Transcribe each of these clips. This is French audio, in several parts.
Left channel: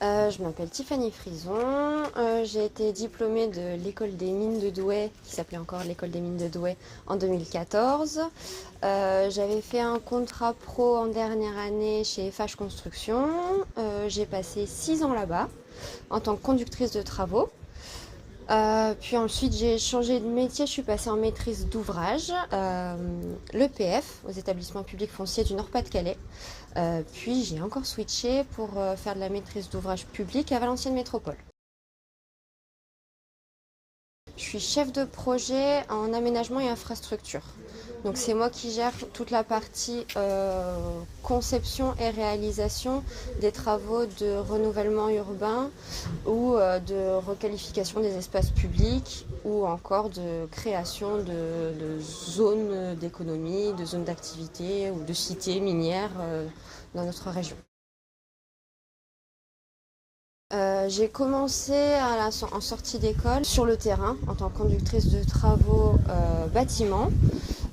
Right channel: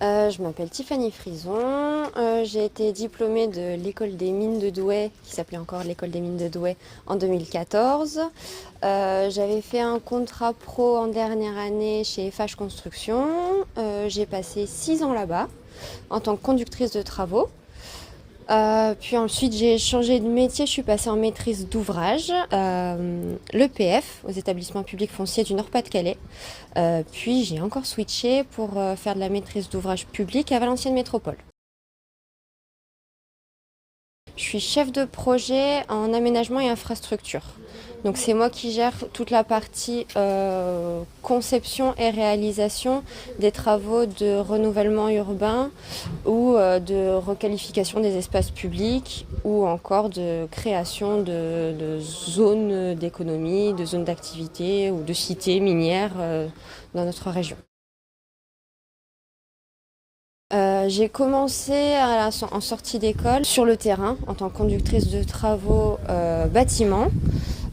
Je m'appelle Tiffany Frison, j'ai été diplômée de l'école des mines de Douai, qui s'appelait encore l'école des mines de Douai, en 2014. J'avais fait un contrat pro en dernière année chez FH Construction. J'ai passé 6 ans là-bas en tant que conductrice de travaux. Puis ensuite j'ai changé de métier, je suis passée en maîtrise d'ouvrage, l'EPF, aux établissements publics fonciers du Nord-Pas-de-Calais. Puis j'ai encore switché pour faire de la maîtrise d'ouvrage public à Valenciennes Métropole. Je suis chef de projet en aménagement et infrastructure. Donc c'est moi qui gère toute la partie conception et réalisation des travaux de renouvellement urbain ou de requalification des espaces publics ou encore de création de zones d'économie, de zones d'activité ou de cités minières dans notre région. J'ai commencé en sortie d'école sur le terrain en tant que conductrice de travaux bâtiment,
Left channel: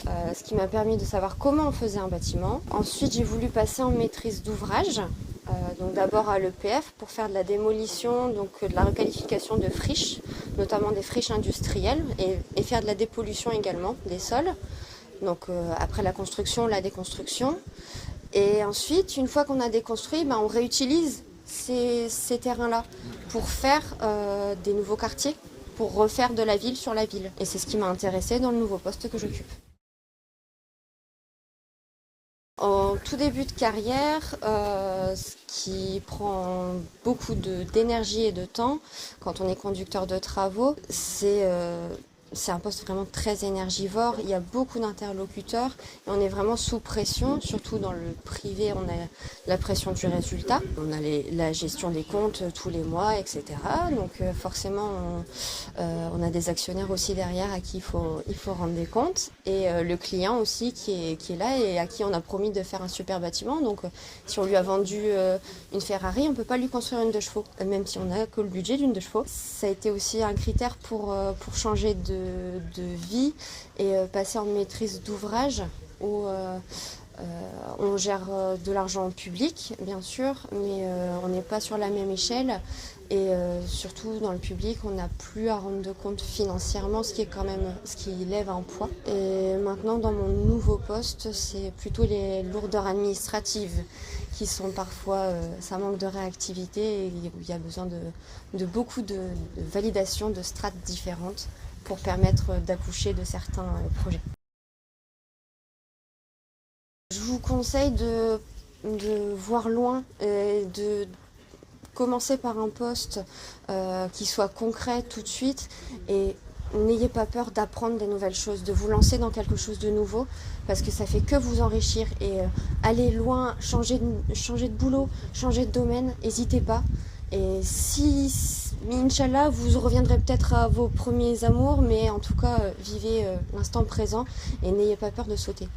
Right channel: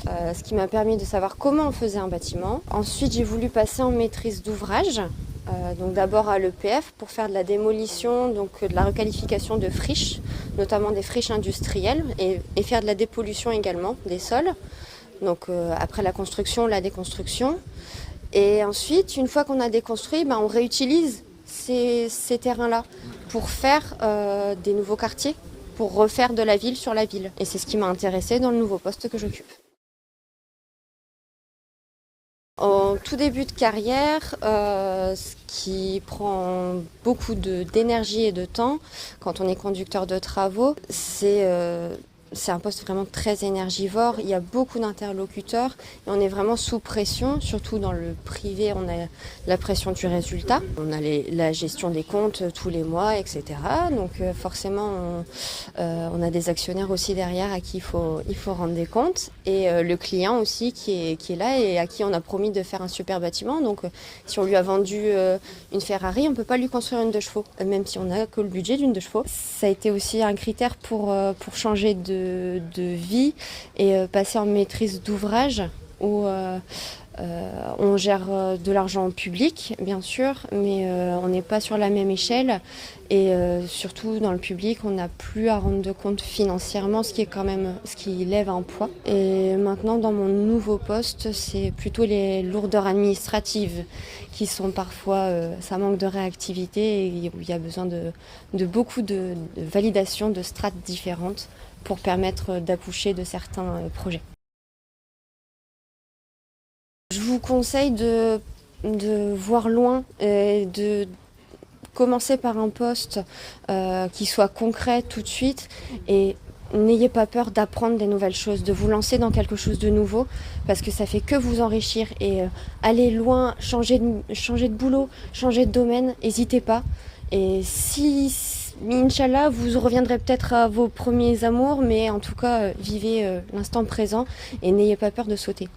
ce qui m'a permis de savoir comment on faisait un bâtiment. Ensuite, j'ai voulu passer en maîtrise d'ouvrage, donc d'abord à l'EPF pour faire de la démolition, donc de la requalification de friches, notamment des friches industrielles, et faire de la dépollution également des sols. Donc après la construction, la déconstruction. Et ensuite, une fois qu'on a déconstruit, on réutilise ces terrains-là pour faire des nouveaux quartiers, pour refaire de la ville sur la ville. Et c'est ce qui m'a intéressée dans le nouveau poste que j'occupe. En tout début de carrière, ce qui prend beaucoup d'énergie et de temps quand on est conducteur de travaux, c'est un poste vraiment très énergivore. Il y a beaucoup d'interlocuteurs et on est vraiment sous pression, surtout dans le privé, on a la pression du résultat. On a la gestion des comptes tous les mois, etc. Donc forcément, on a des actionnaires aussi derrière à qui il faut rendre des comptes. Et le client aussi qui est là et à qui on a promis de faire un super bâtiment. Donc si on lui a vendu une Ferrari, on ne peut pas lui construire une 2 chevaux, même si on n'a que le budget d'une 2 chevaux. Ça a été aussi un critère pour changer de vie et passer en maîtrise d'ouvrage où on gère de l'argent public bien sûr, mais on n'est pas sur la même échelle et surtout dans le public on n'a plus à rendre de compte financièrement, ce qui lève un poids. Et maintenant dans mon nouveau poste c'est plutôt les lourdeurs administratives qui sont parfois, ça manque de réactivité et il y a besoin de beaucoup de validation de strates différentes pour permettre d'accoucher de certains projets. Je vous conseille de voir loin et de commencer par un poste qui soit concret tout de suite et n'ayez pas peur d'apprendre des nouvelles choses, de vous lancer dans quelque chose de nouveau parce que ça fait que vous enrichir et aller loin, changer de boulot, changer de domaine, n'hésitez pas. Et si, Inch'Allah, vous reviendrez peut-être à vos premiers amours, mais en tout cas, vivez l'instant présent et n'ayez pas peur de sauter.